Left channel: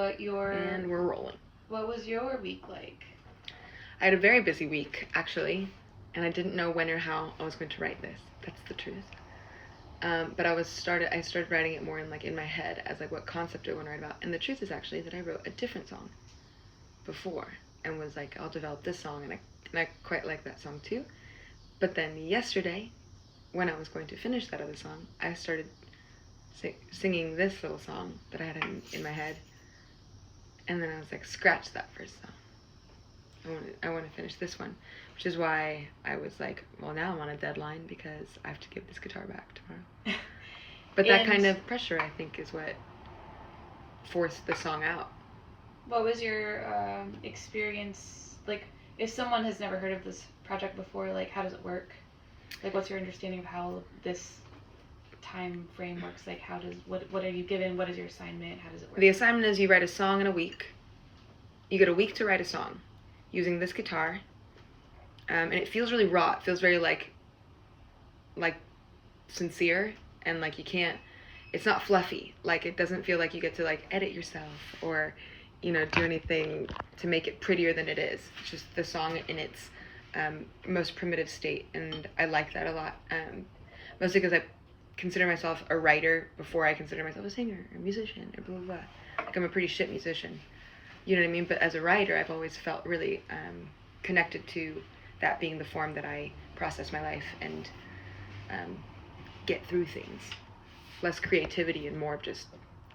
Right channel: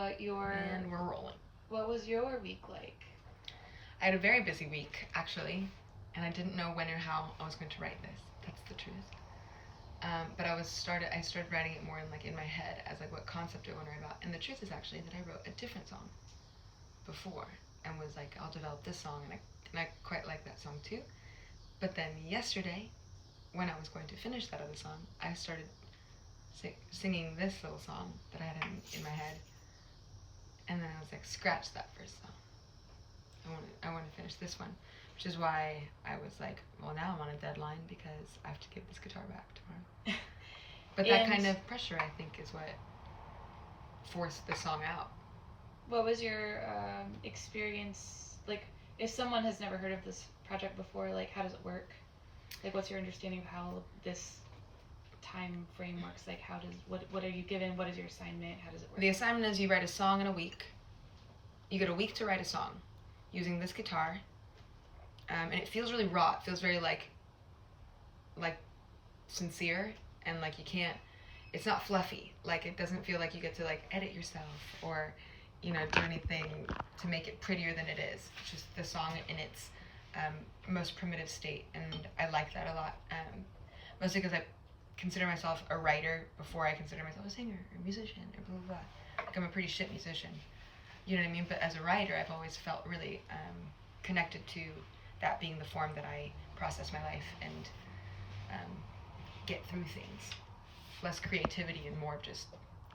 And we're rolling. What was your week like? I had a very busy week, actually, and I didn't know when or how I was going to write this. That's the truth. But I started writing it more in my head as like what concept do I want to write about. And the truth is actually that I wrote a different song before and was like, I'll develop this song, and I quite like that song too. But then yesterday, when I was going to finish that other song, I started singing this little song that I had in my head, and then I was like, scratch that first song. I want to finish this one, which is why I was like, well, now I'm on a deadline because I have to give this guitar back tomorrow. But that kind of pressure, I think, is what forced the song out. What was your experience, like, if someone has never heard of this project before, like, how does it work? Like, what's your understanding of how this time frame works? Like, what are you given? What is your assignment? How does it work? The assignment is you write a song in a week. You get a week to write a song using this guitar. And it feels really raw. It feels very like sincere, and like you can't, it's not fluffy. Like it doesn't feel like you get to like edit yourself or, you know, do anything to make it prettier than it is. It's just the song in its most primitive state, and I like that a lot. Mostly because I consider myself a writer before I consider myself a singer or a musician or blah, blah, blah. Like I'm a pretty shit musician. You know what I mean? But as a writer, I've always felt really connected to that being the form that I process my life and get through things. Less creativity and more of just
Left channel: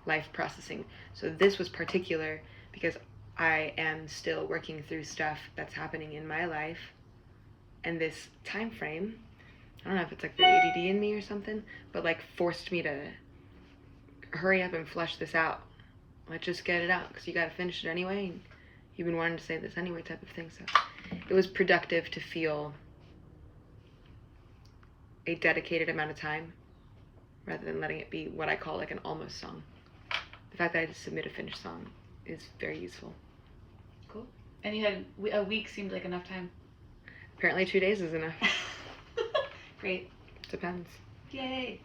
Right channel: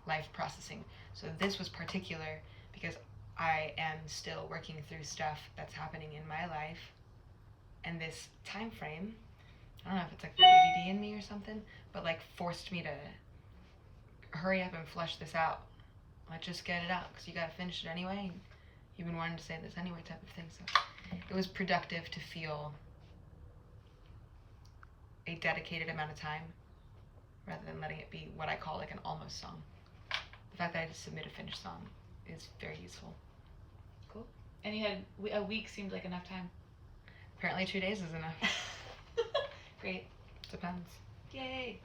life processing. So this was particular because I am still working through stuff that's happening in my life, and this time frame, I don't know if it's like the ADD in me or something, but like forced me to hurry up and flush this out. Like just get it out because you got to finish it anyway, and you've been wanting to say this anyway type of thing. So it was productive to feel a dedicated amount of time rather than letting it be what I call like an almost song. The fact that I had to submit a finished song is very useful. Cool. And you had a week seemed like enough time. Apparently 2 days is enough. Great. Depends. Yay.